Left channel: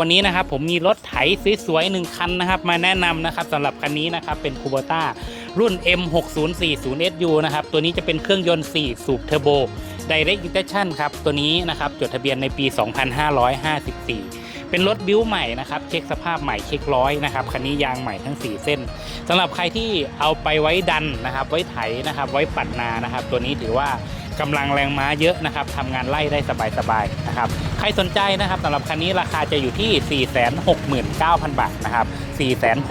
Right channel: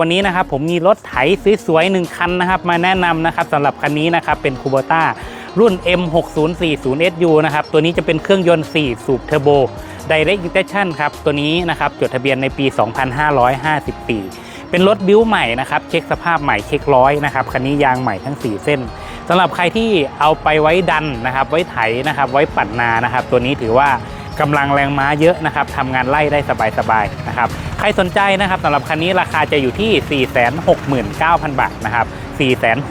วันนี้นะครับผมมีรถไถสวยๆหนึ่งคันนะครับ มาแนะนำนะครับสำหรับคันนี้นะครับเป็น Kubota รุ่น M6040SU นะครับ ตัวนี้จะเป็นเครื่องยนต์ 4 สูบเทอร์โบ Direct Injection ครับ ตัวนี้นะครับจดทะเบียนในปี 2554 เป็นรถบิ้วใหม่นะครับ เช็คสภาพใหม่เช็คร้อยนะครับคันนี้ยางใหม่ทั้ง 4 เส้นสำหรับใครที่เอาไปไว้ดันนะครับ ไว้ไถนะครับ ไว้ปัดนานะครับ ตัวนี้ถือว่า กำลังแรงม้าเยอะนะครับทำงานไล่ได้สบายๆนะครับใครสนใจนะครับสำหรับคันนี้ราคาจะอยู่ที่ 469,000 บาทนะครับ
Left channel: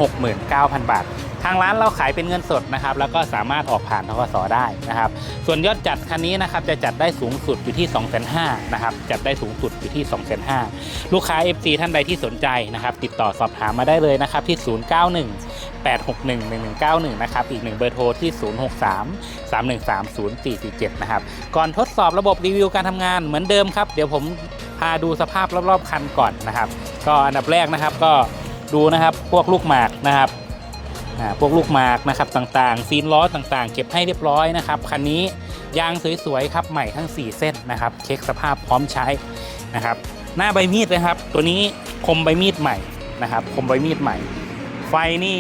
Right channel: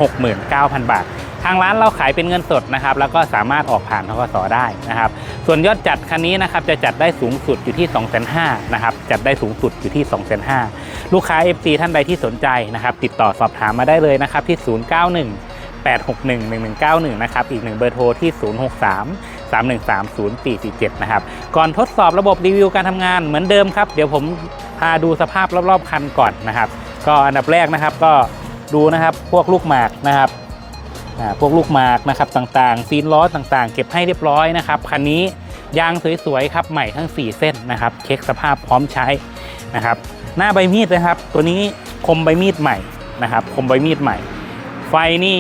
469,000 บาท ทางร้านเราขายเป็นเงินสดนะครับแล้วก็สามารถออกผ่านทกสได้นะครับ ส่วนยอดจัดคันนี้นะครับจะจัดได้สูงสุดอยู่ที่2,500,000นะครับจัดได้สูงสุดอยู่ที่2,500,000ลูกค้า FC ท่านใดที่สนใจนะครับติดต่อสอบถามมาได้เลยนะครับที่ 091 861 1191 นะครับ อีกหนึ่งเบอร์โทรที่ 063 313 0447 นะครับ ก่อนทดสอบระบบรีวิวการทำงานเหมือนเดิมครับ เดี๋ยวผมพาดูสภาพรอบๆคันก่อนนะครับ ก็อันดับแรกนะครับก็ดูนะครับพวกลูกหมากนะครับ พวกลูกหมากนะครับต่างๆ ซีนล้อต่างๆ เก็บให้เรียบร้อยนะครับคันนี้ยางสวยๆครับใหม่ทั้ง 4 เส้นนะครับ เช็คสภาพพร้อมใช้นะครับ หน้าใบมีดนะครับ ตัวนี้คมใบมีดใหม่นะครับคมใบมีดใหม่ ไฟนี่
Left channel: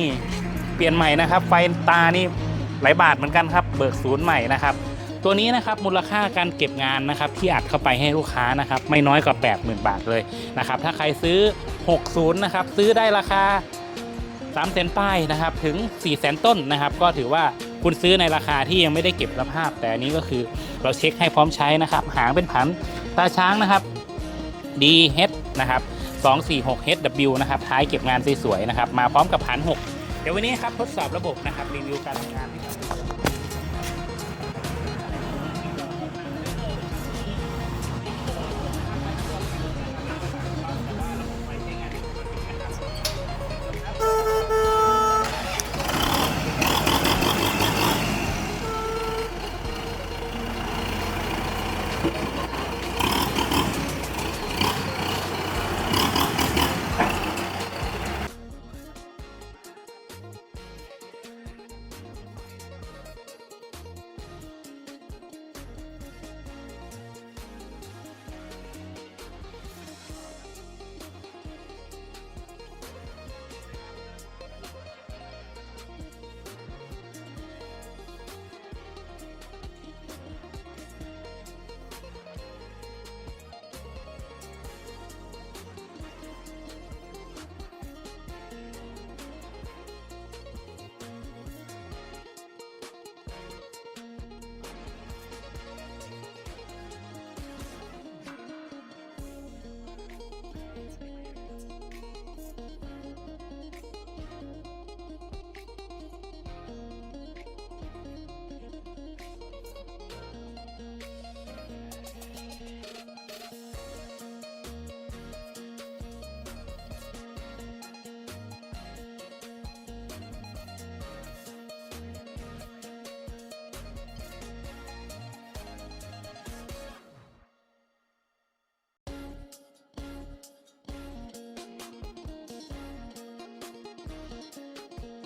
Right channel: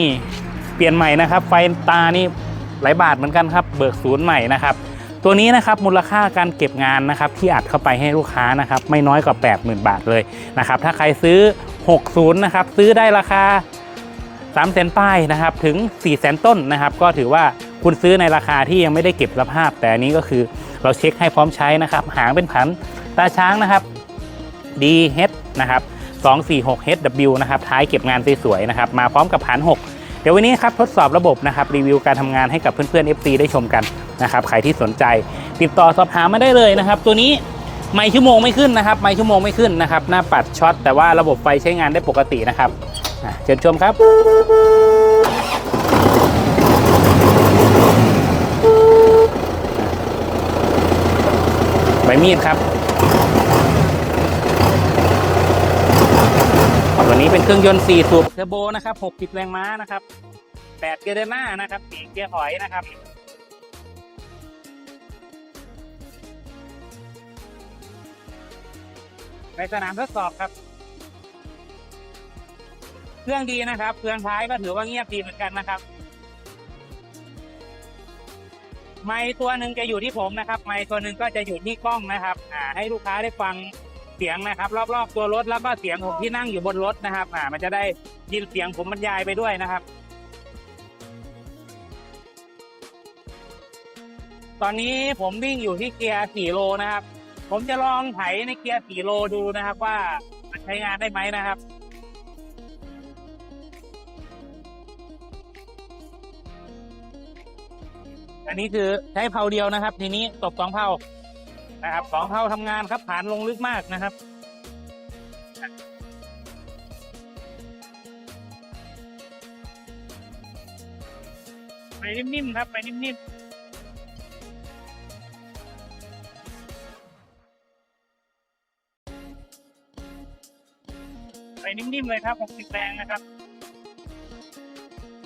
เปลี่ยนใหม่นะครับ ไฟตานี่หลายบาทเหมือนกันครับ เบิกศูนย์ใหม่นะครับตัวนี้นะครับมูลค่าการเก็บงานนะครับที่อัดเข้าไปให้ลูกค้านะครับไม่น้อยกว่า 80,000 บาทเลยนะครับถ้าใครซื้อ 60นะครับซื้อได้ราคา 3 0 0 0 0ป้ายนะครับถึง 4 0 0 0 0 0ต้นนะครับ ก็ถือว่าคุณซื้อในราคาที่ยังไม่ได้เก็บสภาพ แต่อันนี้ก็คือเราเช็คให้พร้อมใช้นะครับ หางเป็นผันตาช้างนะครับ DH นะครับ 246 HW นะครับ ท้ายเก็บงานสวยๆนะครับ มาพร้อมกับผัน 6 เดี๋ยววันนี้ครับทดสอบระบบนะครับ รีวิวการทำงานให้กับเพื่อนๆ FC ได้ชมกันนะครับ ใครที่สนใจ ติดต่อสอบถามมาได้เลยนะครับ ตัวนี้ไม่ชั่วโมงไม่ขึ้นนะครับ ไม่ชั่วโมงไม่ขึ้นนะครับ หน้าปัดช็อตแต่ว่าระบบไฟใช้งานได้ปกตินะครับ เชิญชมครับใบมีดครับตัวนี้เป็นเครื่องยนต์ 4 สูบเทอร์โบนะครับ6ปิดแรงม้านะครับ8เกียร์เดินหน้านะครับ4เกียร์ถอยนะครับในสนามทดสอบครับ เครื่องดีนะครับ เครื่องท้ายก็ถือว่าเงียบดีเหมือนกันนะครับ ไม้ตัวหนึ่งจะอยู่ที่ผมนะครับ ไม้ตัวหนึ่งก็จะอยู่ที่กล้องนะครับอ่าให้ลูกค้าได้ฟังเสียงนะครับ รอบๆตัวรถแล้วก็เสียงผมที่นั่งอยู่บนรถนะครับอ่ามันจะได้ยินเสียงผมบรรยายไปด้วยนะครับ ตอนนี้ผมวิ่งอยู่ที่เกียร์4โลนะครับ ผมจะลองไถในเกียร์4โลดูนะครับ ว่ามันใช้งานได้ไหมนะครับ อันนี้คือใช้เพาเดียวนะครับ ทีนี้ตบสองเพานะครับสองเพาทำงานครับผ่านลงลึกมากนะครับไปนิ่มๆครับไปนิ่มๆไปนิ่มๆเลยครับ 60 แรงนะครับ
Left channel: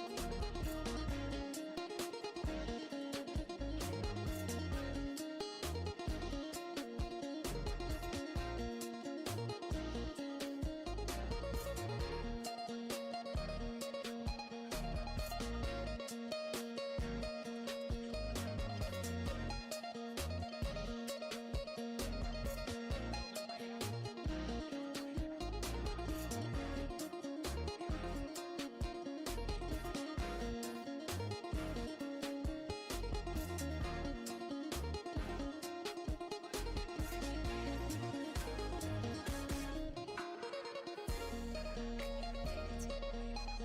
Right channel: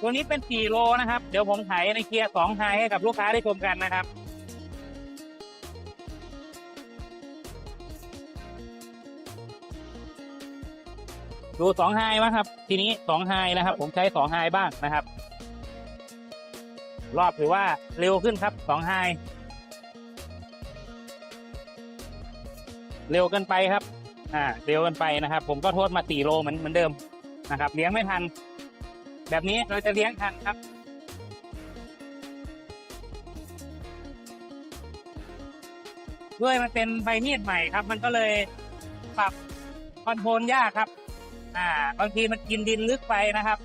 ตัวนี้เป็น4โลนะครับ เดี๋ยวผมไถในเกียร์2ไฮให้กับลูกค้าได้ชมกันนะครับดู2ไฮมั้งครับ ทีนี้2ไฮนะครับ ผมใช้2ไฮบ้างนะครับ รอบถือว่าเร็วขึ้นครับ2ไฮเร็วเกินไปครับ อ่า เร็วเกินไปนะครับ ผมก็โทษมา4โลเหมือนเหมือนเดิมนะครับ เลี้ยงไม่ทัน แบบนี้เราจะเลี้ยงทันครับด้วยมันเป็นใบมีดใหม่ครับ มันก็เลยปรับคอนโทรลยากครับ อ่า บางทีมันกินดินลึกไปนะครับ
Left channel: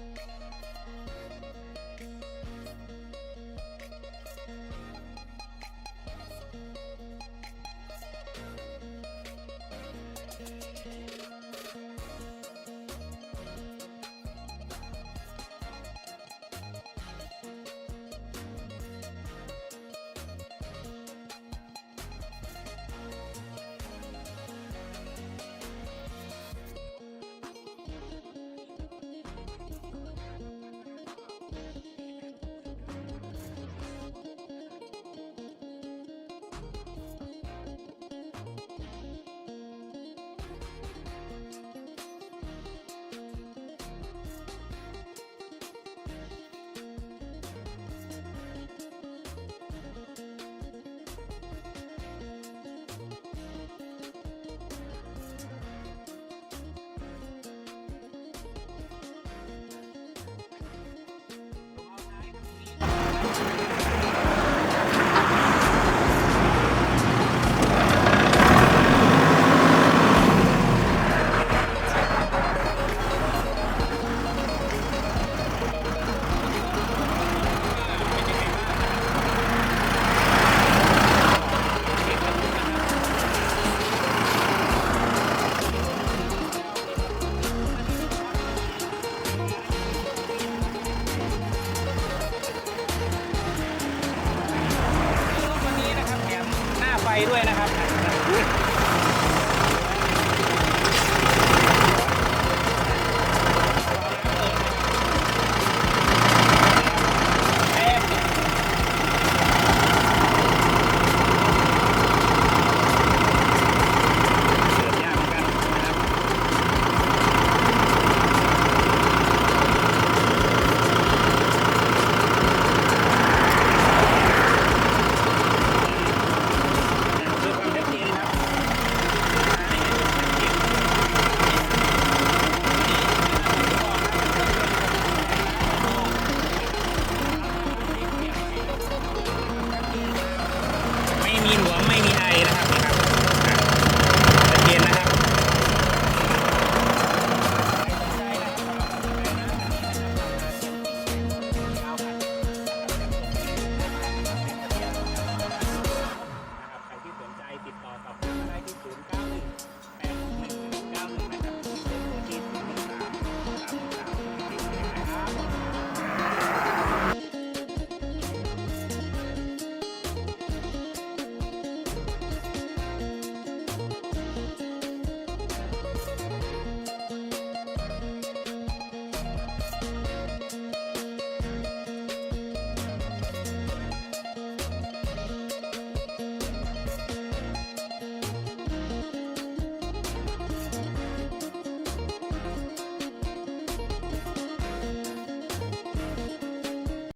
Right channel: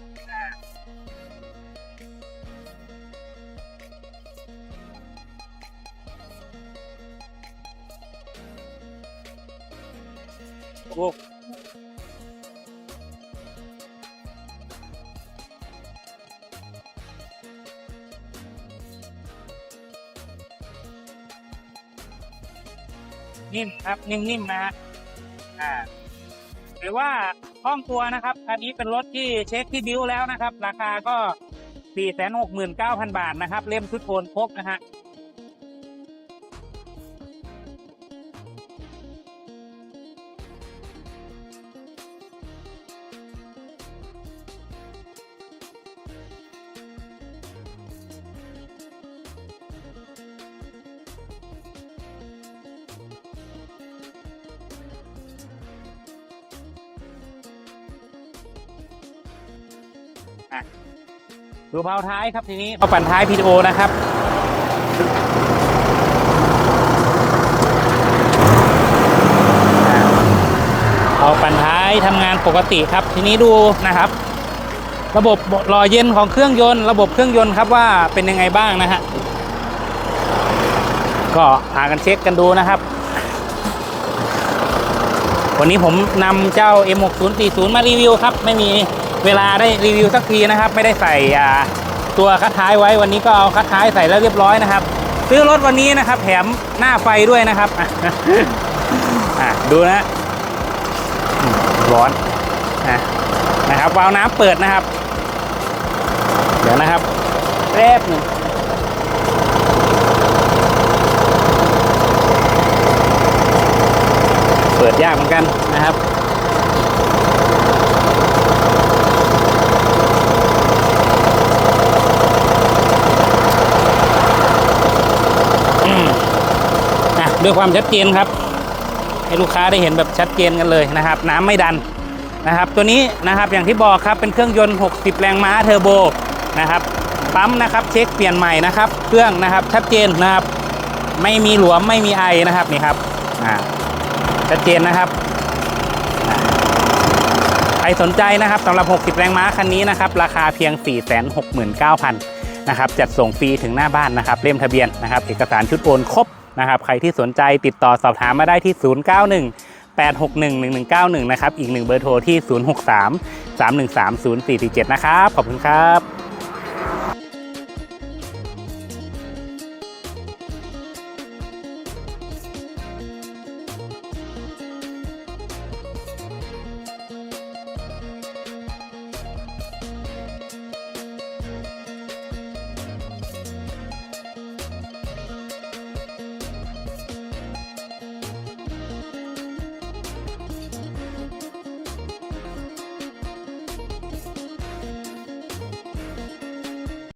โอ้ นิ่มครับนิ่มๆนะฮะอ่าหรือว่าห้องตัวนะครับคันนี้เป็นรถที่เช็คที่บิวแล้วนะครับ ราคาก็ 469,000 บาทนะครับ เล่มชุดโทนครบนะฮะ ดูเผาท้ายครับทีนี้เอาปั่นท้าย PTO นะครับเอาปั่นท้ายทำงานปกติครับ ทีนี้ดูนะครับ ระบบหล่อเย็นของเครื่องยนต์ ระบบเครื่องยนต์ครับว่าเป็นยังไงบ้างนะฮะก็หากันเช็คกันดูนะครับ วันนี้ผมนำเจ้า M6040 มารีวิวครับ ไม่มี เวลาได้รีวิวสักทีนะครับ ไม่ได้ใส่ตัวคัดท้ายไว้วันนี้ก็เอาคัดท้ายใส่แล้วเรียบร้อยนะครับ ซื้อรถวันนี้นะครับ แถมหน้าไฟด้วยนะครับดูนะร้อนนะครับวาล์วน้ำเปิดนะครับ เดี๋ยวนะครับแป๊บหนึ่งเปิดยากเหมือนกันนะครับ อืมอะ ด้วยความชัดเจนครับ ให้ลูกค้าได้เห็นแบบชัดเจนกันเลยนะครับ น้ำไม่ดันนะครับ ตัวนี้นะครับอย่างที่บอกครับเป็นเครื่องยนต์ 60 แรงม้าเทอร์โบนะครับปั๊มนะครับเช็คเปลี่ยนใหม่นะครับ เครื่องนะครับชัดเจนนะครับไม่มีหลวมไม่มีไอนะครับนี่ครับชัดเจนนะครับใครสนใจนะครับสำหรับ 60 แรงม้าคันนี้นะครับ ราคาเพียง 469,000นะครับจัดส่งฟรีถึงหน้าบ้านนะครับเล่มทะเบียนนะครับ เอกสารชุดโอนครบ นะครับใครที่สนใจติดต่อสอบถามมาได้ที่ 091 861 1191 นะครับ อีกหนึ่งเบอร์โทรที่ 063 313 0447 นะครับ ขอบคุณครับ